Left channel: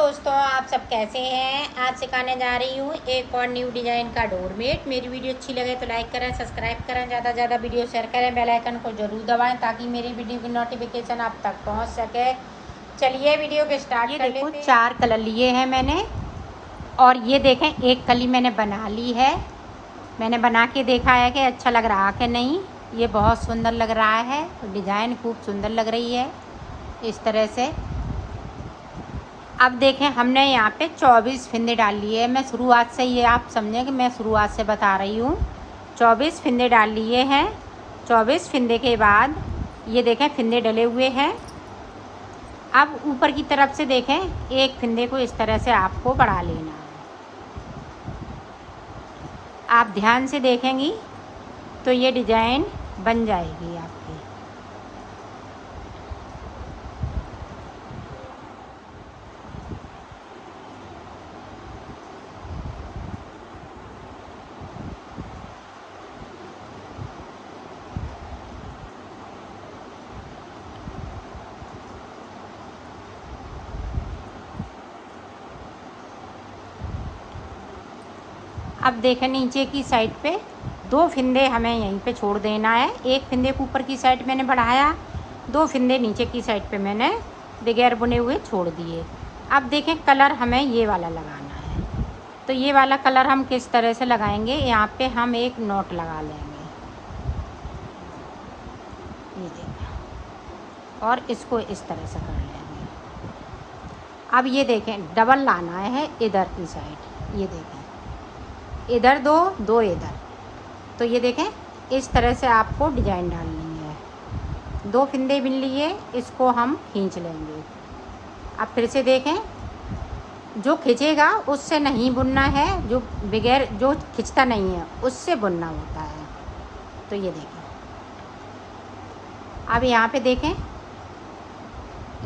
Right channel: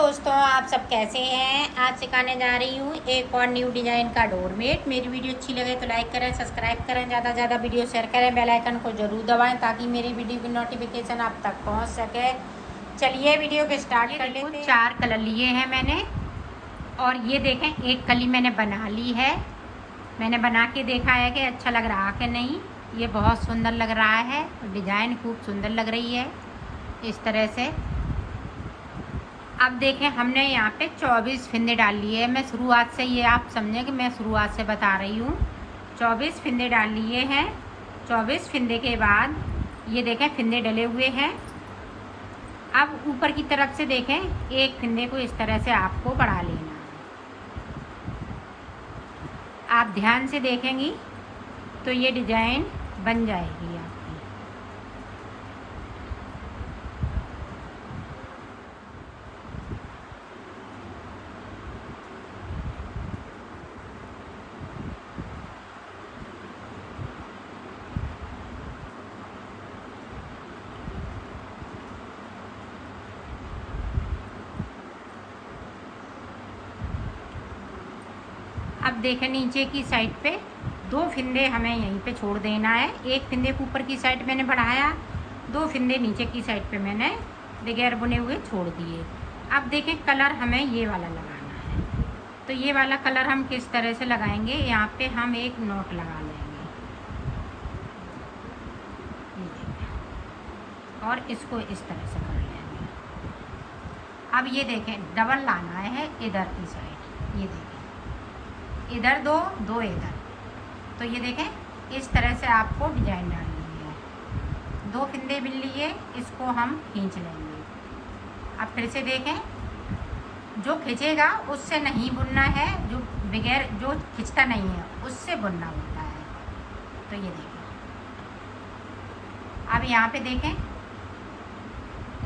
दोस्तों, आप सब कैसे हैं। आज सिखाने जा रही हूँ एक और न्यू डिज़ाइन का डोरमेट। मेरी वीडियो अच्छी लगे तो लाइक करें, सब्सक्राइब करें, ज़्यादा से ज़्यादा वीडियो शेयर करें, बेल आइकन को ज़रूर दबाएं ताकि मेरी वीडियो की नोटिफिकेशन आप तक पहुँच सके। चलिए वीडियो को स्टार्ट कर लेते हैं। 4 कलर लिए हैं मैंने, और ये देखें एक कली मैंने बना ली है। मैंने बना के देखा है कि अच्छा लग रहा कि नहीं। ये बहुत सुंदर लग रहा है, डिज़ाइन खूब सुंदर लग रही है इस तरह से। अब देखें, हमने यहाँ पे 24 फिंदे डाल लिए हैं। मैं शुरुआत से, ये आप समझें कि मैं शुरुआत से बता रही हूँ। 24 फिंदे डाल लिए हैं। 24 फिंदे के बाद ये देखें फिंदे डले हुए हैं। अब ऊपर की तरफ से देखें, एक फिंदे को इस तरह से आपको बढ़ा लेना है। आप ध्यान से देखेंगी तो ये डिज़ाइन बन जाएगी आपकी। अब देखें नीचे की साइड पे 2 फिंदे हमें यहीं पे छोड़ देना है। एक फिंदे को ऊपर की साइड मैंने बढ़ाया, 2 फिंदे नीचे की साइड पे मैंने बगैर बुने हुए छोड़ दिए। अब देखें कलर हमें ये वाला लगाना है। तो ये वाला कलर हम किस तरह से लगाएंगे, यहाँ पे हम एक नोट लगा लेंगे, ये देखें, और इसको इस तरह से कर लेंगे। अब ये देखें डबल लाना है इधर की साइड, ये देखें इधर 2 इधर। तो ये देखें इस तरह से आपको डिज़ाइन डालनी है। 2 फिंदे बिन लिए, इसको हम खींच लेंगे। अब फिर से देखें, जो खींचेगा उससे नहीं बुनना है, जो बगैर जो खींचता नहीं है उससे बुनना होता है। तो ये देखें, अब यहाँ पे देखें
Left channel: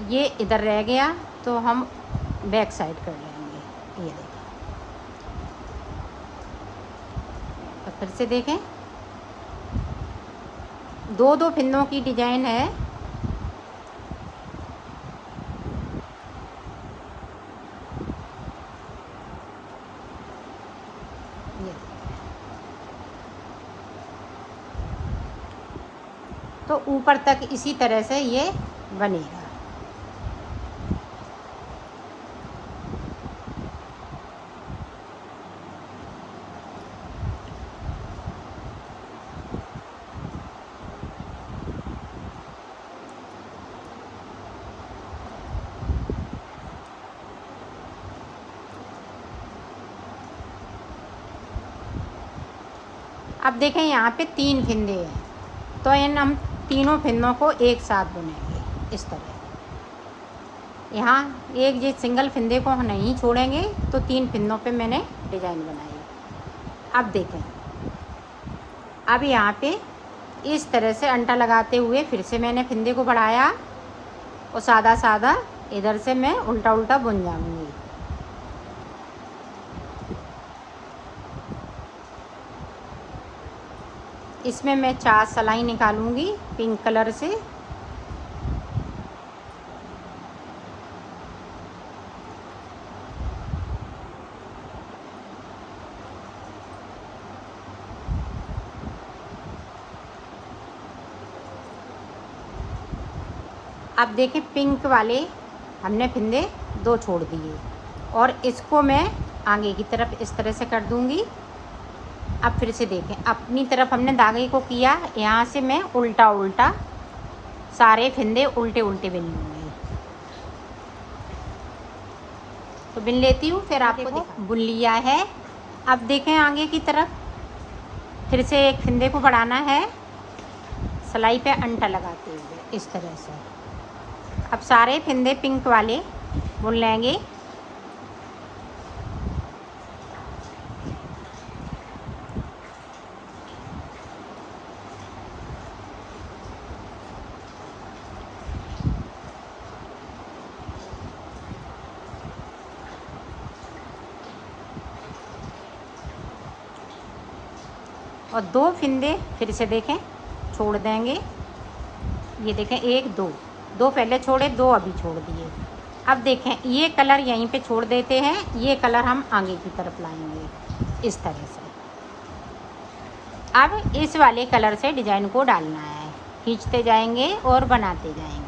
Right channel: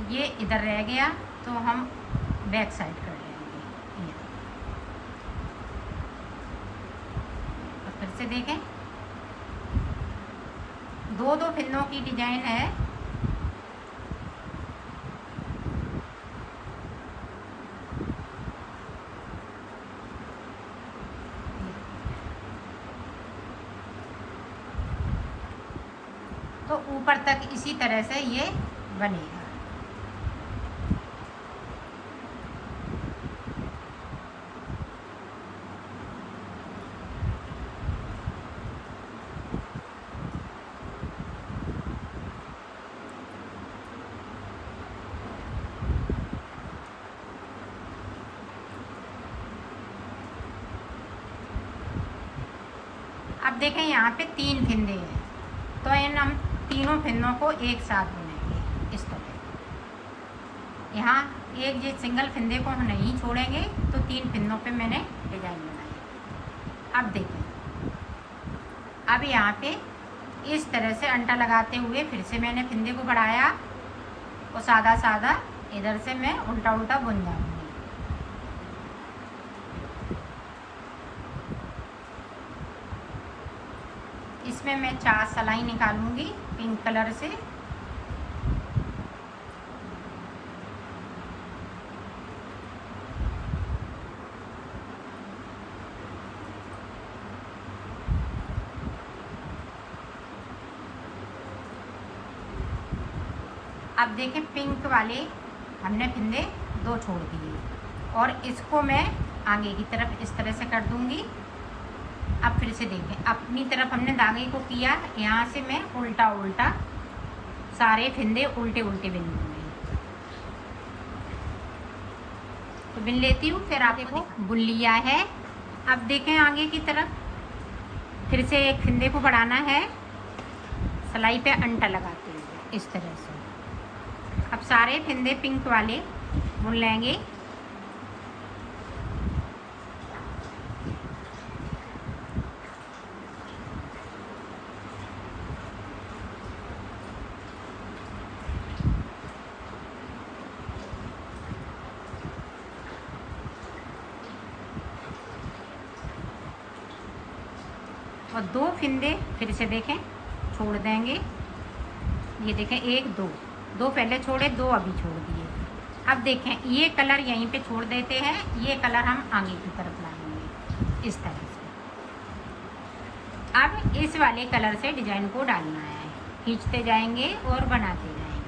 ये इधर रह गया, तो हम बैक साइड कर लेंगे। ये देखें, तो फिर से देखें 2 फिंदों की डिज़ाइन है। तो ऊपर तक इसी तरह से ये बनेगा। अब देखें यहाँ पे 3 फिंदे हैं, तो इन हम तीनों फिंदों को एक साथ बुनेंगे इस तरह। यहाँ एक ये सिंगल फिंदे को हम नहीं छोड़ेंगे, तो 3 फिंदों पे मैंने डिज़ाइन बनाई। अब देखें, अब यहाँ पे इस तरह से अंटा लगाते हुए फिर से मैंने फिंदे को बढ़ाया, और सादा सादा इधर से मैं उल्टा उल्टा बुन जाऊँगी। इसमें मैं 4 सिलाई निकालूंगी पिंक कलर से। अब देखिए पिंक वाले हमने फिंदे 2 छोड़ दिए, और इसको मैं आगे की तरफ इस तरह से कर दूंगी। अब फिर से देखें, अपनी तरफ हमने धागे को किया, यहाँ से मैं उल्टा उल्टा सारे फिंदे उल्टे उल्टे बिन लूँगी। तो बिन लेती हूँ, फिर आपको बुन लिया है। अब देखें आगे की तरफ फिर से एक फिंदे को बढ़ाना है, सिलाई पे अंटा लगाते हुए इस तरह से। अब सारे फिंदे पिंक वाले बुन लेंगे। और 2 फिंदे फिर से देखें छोड़ देंगे। ये देखें 1 2 2 पहले छोड़े, 2 अभी छोड़ दिए। अब देखें ये कलर यहीं पे छोड़ देते हैं, ये कलर हम आगे की तरफ लाएंगे इस तरह से। अब इस वाले कलर से डिज़ाइन को डालना है, खींचते जाएंगे और बनाते जाएंगे।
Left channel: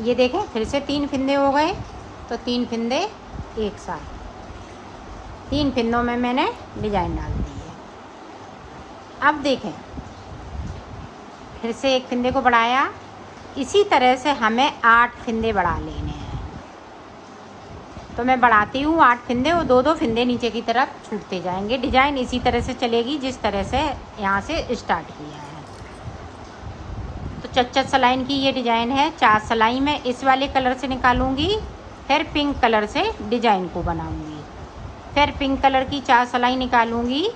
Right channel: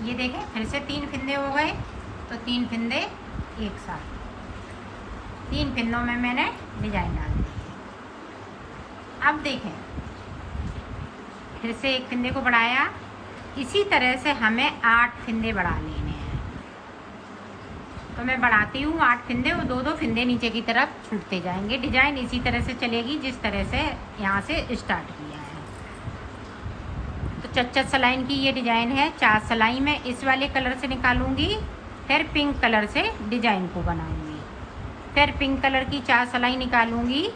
ये देखें फिर से 3 फिंदे हो गए, तो 3 फिंदे एक साथ, 3 फिंदों में मैंने डिजाइन डाल दी है। अब देखें फिर से एक फिंदे को बढ़ाया, इसी तरह से हमें 8 फिंदे बढ़ा लेने हैं। तो मैं बढ़ाती हूँ 8 फिंदे और 2-2 फिंदे नीचे की तरफ छूटते जाएंगे। डिजाइन इसी तरह से चलेगी जिस तरह से यहाँ से स्टार्ट किया है। तो चच्चर सलाइन की ये डिज़ाइन है। 4 सलाई मैं इस वाले कलर से निकालूंगी, फिर पिंक कलर से डिज़ाइन को बनाऊंगी, फिर पिंक कलर की 4 सलाई निकालूंगी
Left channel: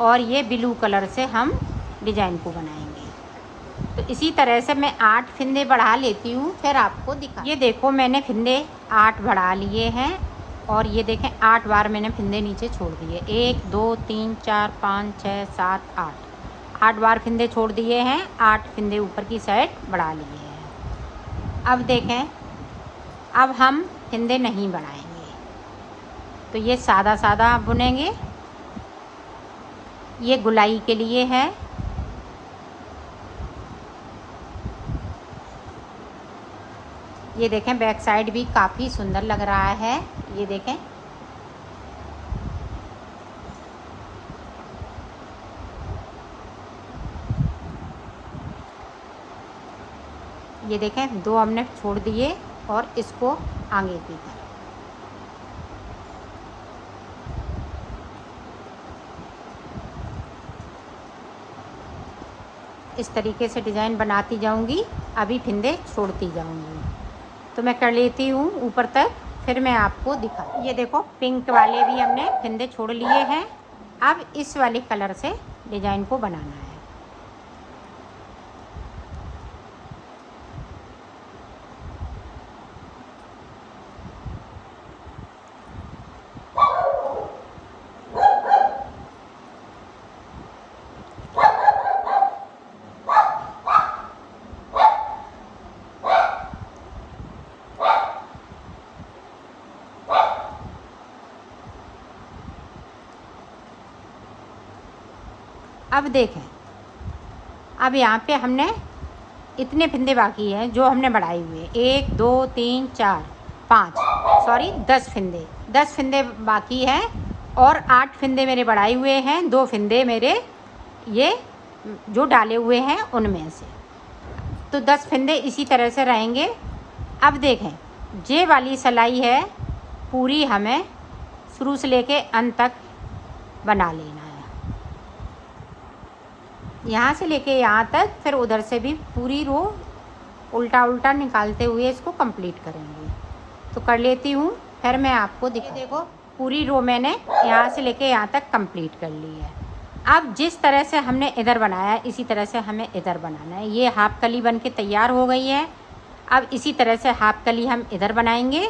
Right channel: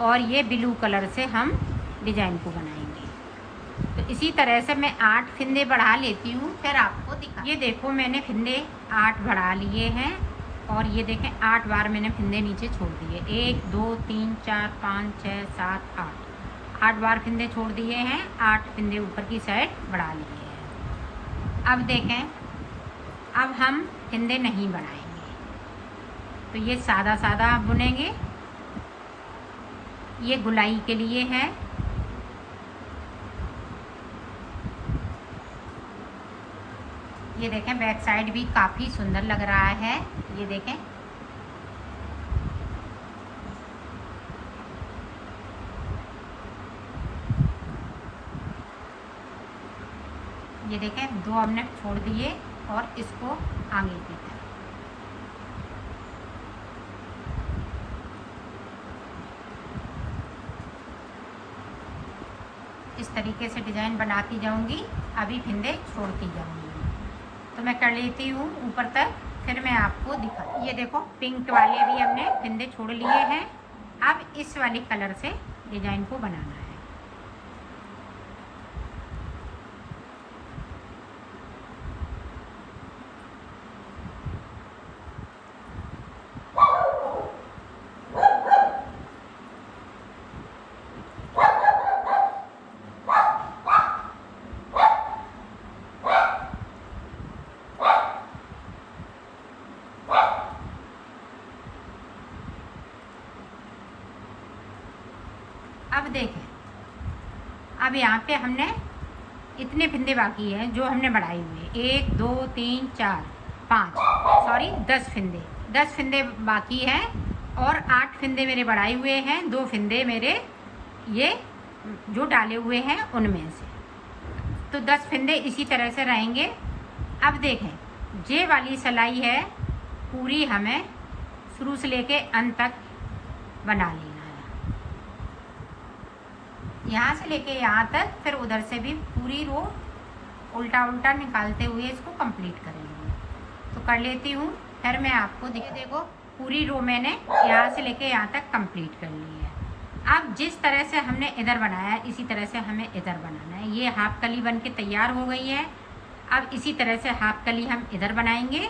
और ये ब्लू कलर से हम डिज़ाइन को बनाएंगे। तो इसी तरह से मैं 8 फिंदे बढ़ा लेती हूँ, फिर आपको दिखा। ये देखो मैंने फिंदे 8 बढ़ा लिए हैं और ये देखें 8 बार मैंने फिंदे नीचे छोड़ दिए। 1 2 3 4 5 6 7 8 बार फिंदे छोड़ दिए हैं। 8 फिंदे ऊपर की साइड बढ़ा लिए हैं। अब देखें अब हम फिंदे नहीं बनाएंगे, तो ये सादा सादा बुनेंगे। ये गुलाई के लिए है। ये देखें बैक साइड भी काफ़ी सुंदर लग रहा है। ये देखें ये देखें 2 हमने छोड़ दिए और इसको आगे की तरफ। इस तरीके से डिज़ाइन बनाती जाऊंगी, अभी फिंदे छोड़ती जाऊंगी। तो मैं कर लेती हूँ ऊपर तक, फिर मैं आपको दिखा। ये देखो पिंक वाले भी हमने फिंदे छोड़ लिए हैं। अब इस वाले कलर से डिज़ाइन को बनाना है। अब देखें अब यहाँ पे हमने इतने फिंदे बाकी हैं जो हमने बढ़ाए हुए, 1 2 3 4 5 सॉरी 10 फिंदे 10 फिंदे बाकी हैं और 8 फिंदे मेरे बढ़ाए हुए हैं। 2 फिंदे मेरे ये जो डाले हुए हैं उनमें से, तो 10 फिंदे इसी तरह से रहेंगे। अब देखें ये वाली सिलाई है पूरी हमें शुरू से लेके अंत तक बना लेना है, यहाँ से लेके यहाँ तक, फिर उधर से भी पूरी रो उल्टा उल्टा निकालते हुए इसको कंप्लीट करेंगे। तो कर लेती हूँ, फिर मैं आपको देखो पूरी रो मैंने यहाँ से लेके यहाँ तक कंप्लीट कर ली है। अब जिस तरह से हमने इधर बनाया है इसी तरह से हमें इधर बनाना है। ये हाफ कली बन के तैयार हो गई है। अब इसी तरह से हाफ कली हम इधर बनाएंगे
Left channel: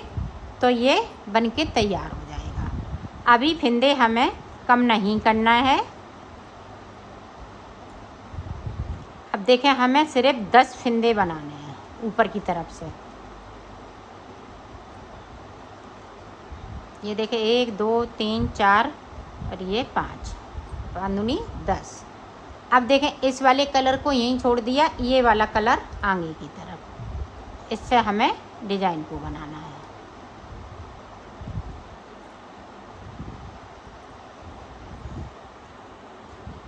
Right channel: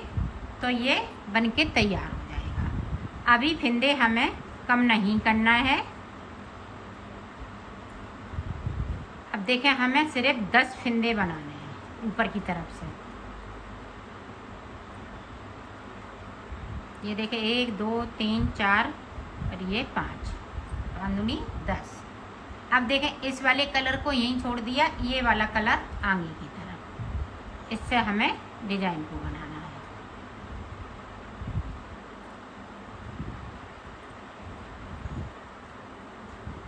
तो ये बन के तैयार हो जाएगा। अभी फिंदे हमें कम नहीं करना है। अब देखें हमें सिर्फ 10 फिंदे बनाने हैं ऊपर की तरफ से। ये देखें 1 2 3 4 और ये 5 दूनी 10। अब देखें इस वाले कलर को यहीं छोड़ दिया, ये वाला कलर आगे की तरफ, इससे हमें डिजाइन को बनाना है।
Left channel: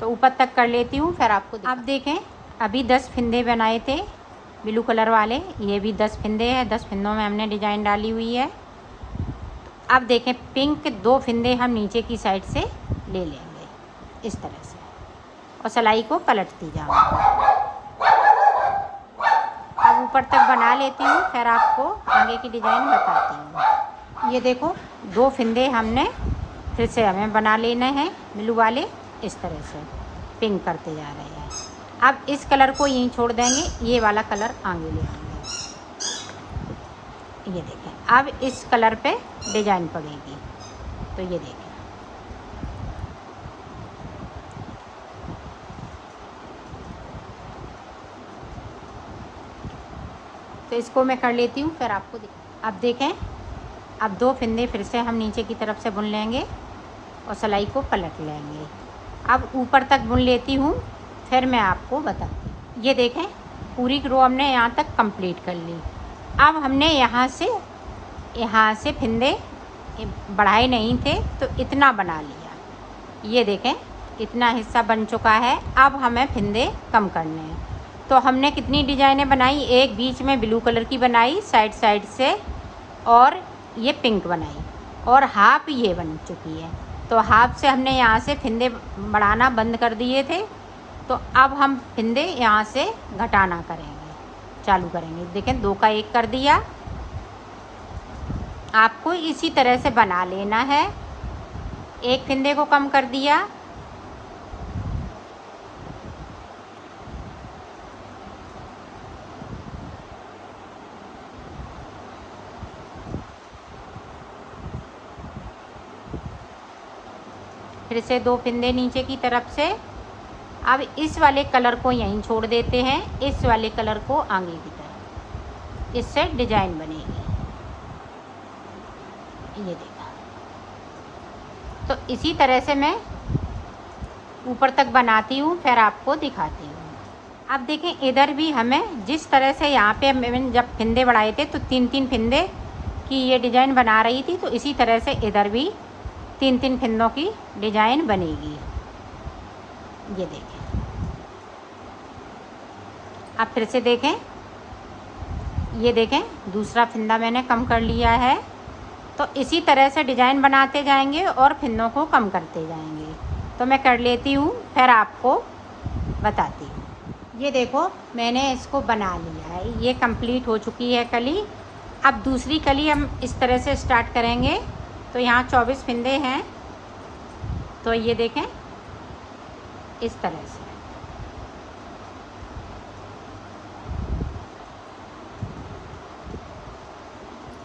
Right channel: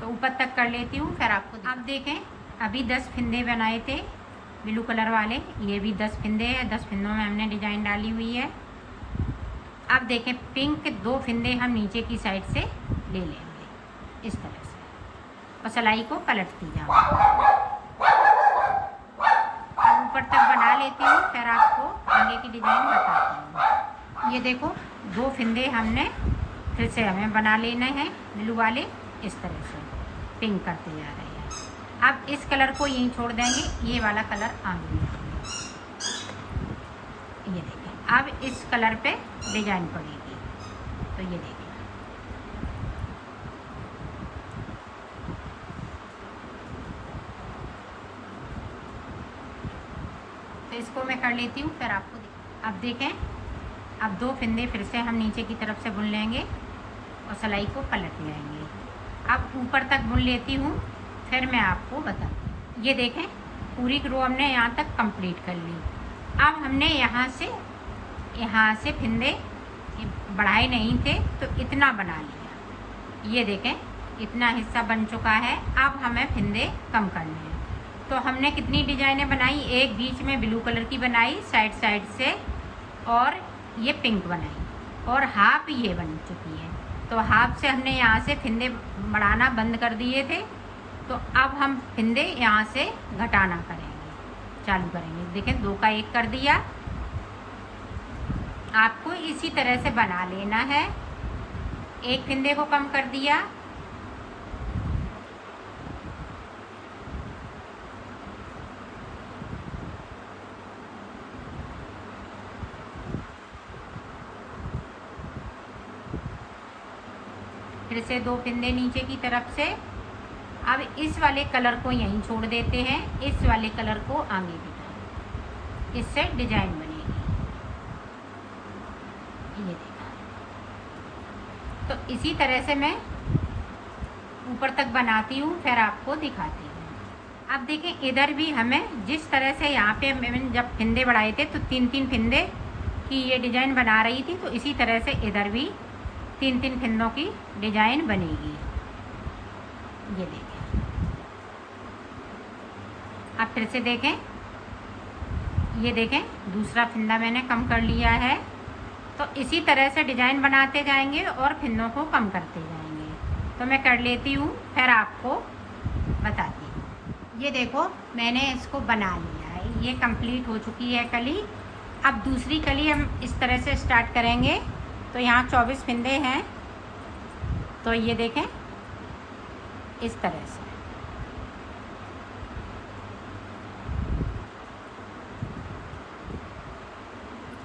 तो ऊपर तक कर लेती हूँ फिर आपको। अब देखें अभी 10 फिंदे बनाए थे ब्लू कलर वाले, ये भी 10 फिंदे हैं। 10 फिंदों में हमने डिजाइन डाली हुई है। अब देखें पिंक 2 फिंदे हम नीचे की साइड से ले लेंगे इस तरह से और सिलाई को पलटती जाऊँगी। अब ऊपर तक बना लेती हूँ, फिर आपको आगे की डिज़ाइन बताती हूँ। ये देखो 2 फिंदे हमने फिर से हमें बना लेने हैं ब्लू वाले, इस तरह से पिंक करते जा रहे हैं। अब इस कलर को यहीं छोड़ देंगे, ये वाला कलर आगे ले आएंगे। ये देखें अब इस कलर पे डिजाइन पड़ेगी, तो ये देखें तो इसको मैं कर लेती हूँ, फिर आपको अब देखें अब 2 फिंदे फिर से हम नीचे की तरफ से बुन लेंगे और सिलाई को पलट लेंगे। अब ऊपर तक बुन लेती हूँ, फिर मैं आपको बताती हूँ। ये देखें पूरी रो हमने यहाँ तक कंप्लीट कर ली। अब हमने यहाँ से फिंदे बढ़ाए नहीं थे तो इतना बना लिया। ये देखें इतना हिस्सा बन चुका है। अब हमें फिंदे कम करने हैं, तो हमने कितनी डिजाइनें बनाई, एक बीच में ब्लू कलर की बनाई साइड से, और ये पिंक बनाई, और हाफ ये बन चुकी है। तो हाफ से हमने यहाँ से फिंदे बढ़ाना बंद कर दिए थे, तो अब हम फिंदे यहाँ से घटाना चालू करेंगे। देखें 2 का 1 कर दिया। आपको इसी तरह से बना लेना है। एक फिंदे को कम कर दिया, फिर से 2 फिंदे नीचे की तरफ से। अब इस वाले कलर को यहीं छोड़ देते हैं, इस वाले कलर को आगे की तरफ, इससे डिजाइन बनेगी। ये देखा, तो इसी तरह से मैं ऊपर तक बनाती हूँ, फिर आपको दिखाती हूँ। अब देखें इधर भी हमें जिस तरह से यहाँ पे मैंने जब फिंदे बढ़ाए थे तो 3-3 फिंदे की ये डिज़ाइन बना रही थी, तो इसी तरह से इधर भी 3-3 फिंदों की डिज़ाइन बनेगी। ये देखें अब फिर से देखें, ये देखें दूसरा फिंदा मैंने कम कर लिया है। तो इसी तरह से डिज़ाइन बनाते जाएंगे और फिंदों को कम करते जाएंगे। तो मैं कर लेती हूँ, फिर आपको बताती हूँ। ये देखो मैंने इसको बना लिया है, ये कंप्लीट हो चुकी है कली। अब दूसरी कली हम इस तरह से स्टार्ट करेंगे। तो यहाँ 24 फिंदे हैं, तो ये देखें इस तरह से।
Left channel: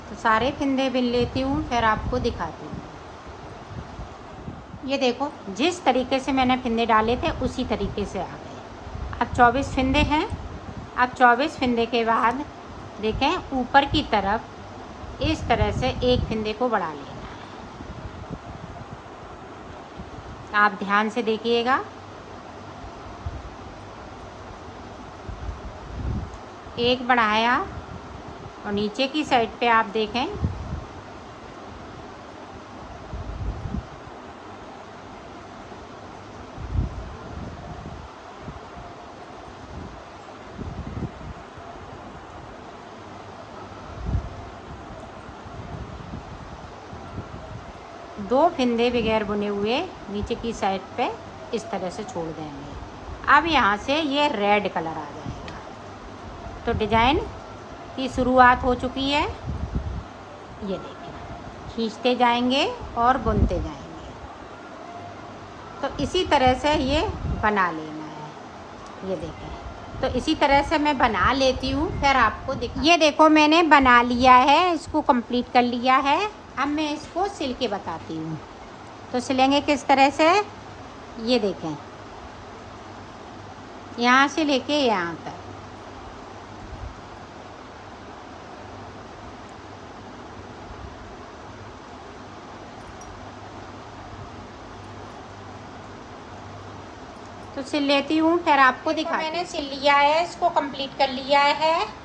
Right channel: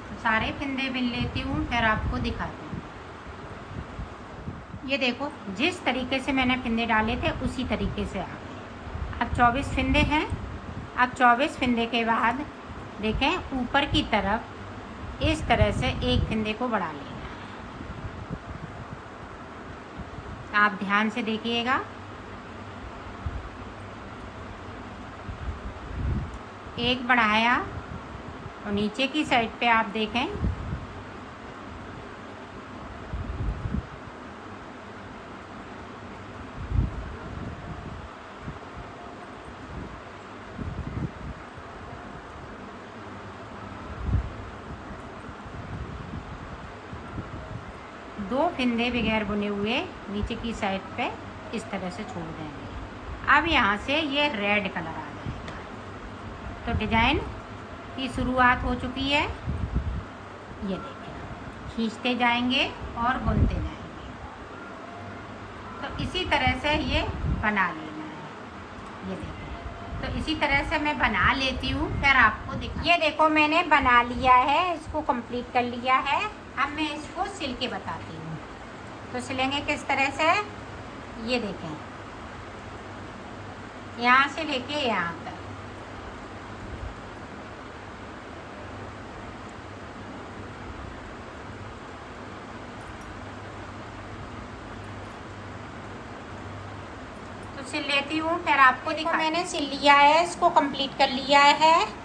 तो सारे फिंदे बिन लेती हूँ, फिर आपको दिखाती हूँ। ये देखो जिस तरीके से मैंने फिंदे डाले थे उसी तरीके से आ गए। अब 24 फिंदे हैं। अब 24 फिंदे के बाद देखें ऊपर की तरफ इस तरह से एक फिंदे को बढ़ा लेना है। आप ध्यान से देखिएगा, एक बढ़ाया और नीचे की साइड पे आप देखें दो फिंदे बगैर बुने हुए नीचे की साइड पे इस तरह से छोड़ देंगे। अब यहाँ से ये रेड कलर आ जाएगा। तो डिजाइन की शुरुआत हो चुकी है। ये देखिए खींचते जाएंगे और बुनते जाएंगे। तो इसी तरह से ये बना लेना है। ये देखें, तो इसी तरह से मैं बना लेती हूँ, फिर आपको दिखा। ये देखो मैंने बना लिया है, इसको कंप्लीट कर लिया है। अब मैं इसको सिल के बताती हूँ। तो सिलेंगे किस तरह से, ये देखें यहाँ से लेके यहाँ तक। तो सिल लेती हूँ, फिर आपको दिखा। मैंने सिल लिया है, इसको कंप्लीट कर लिया है।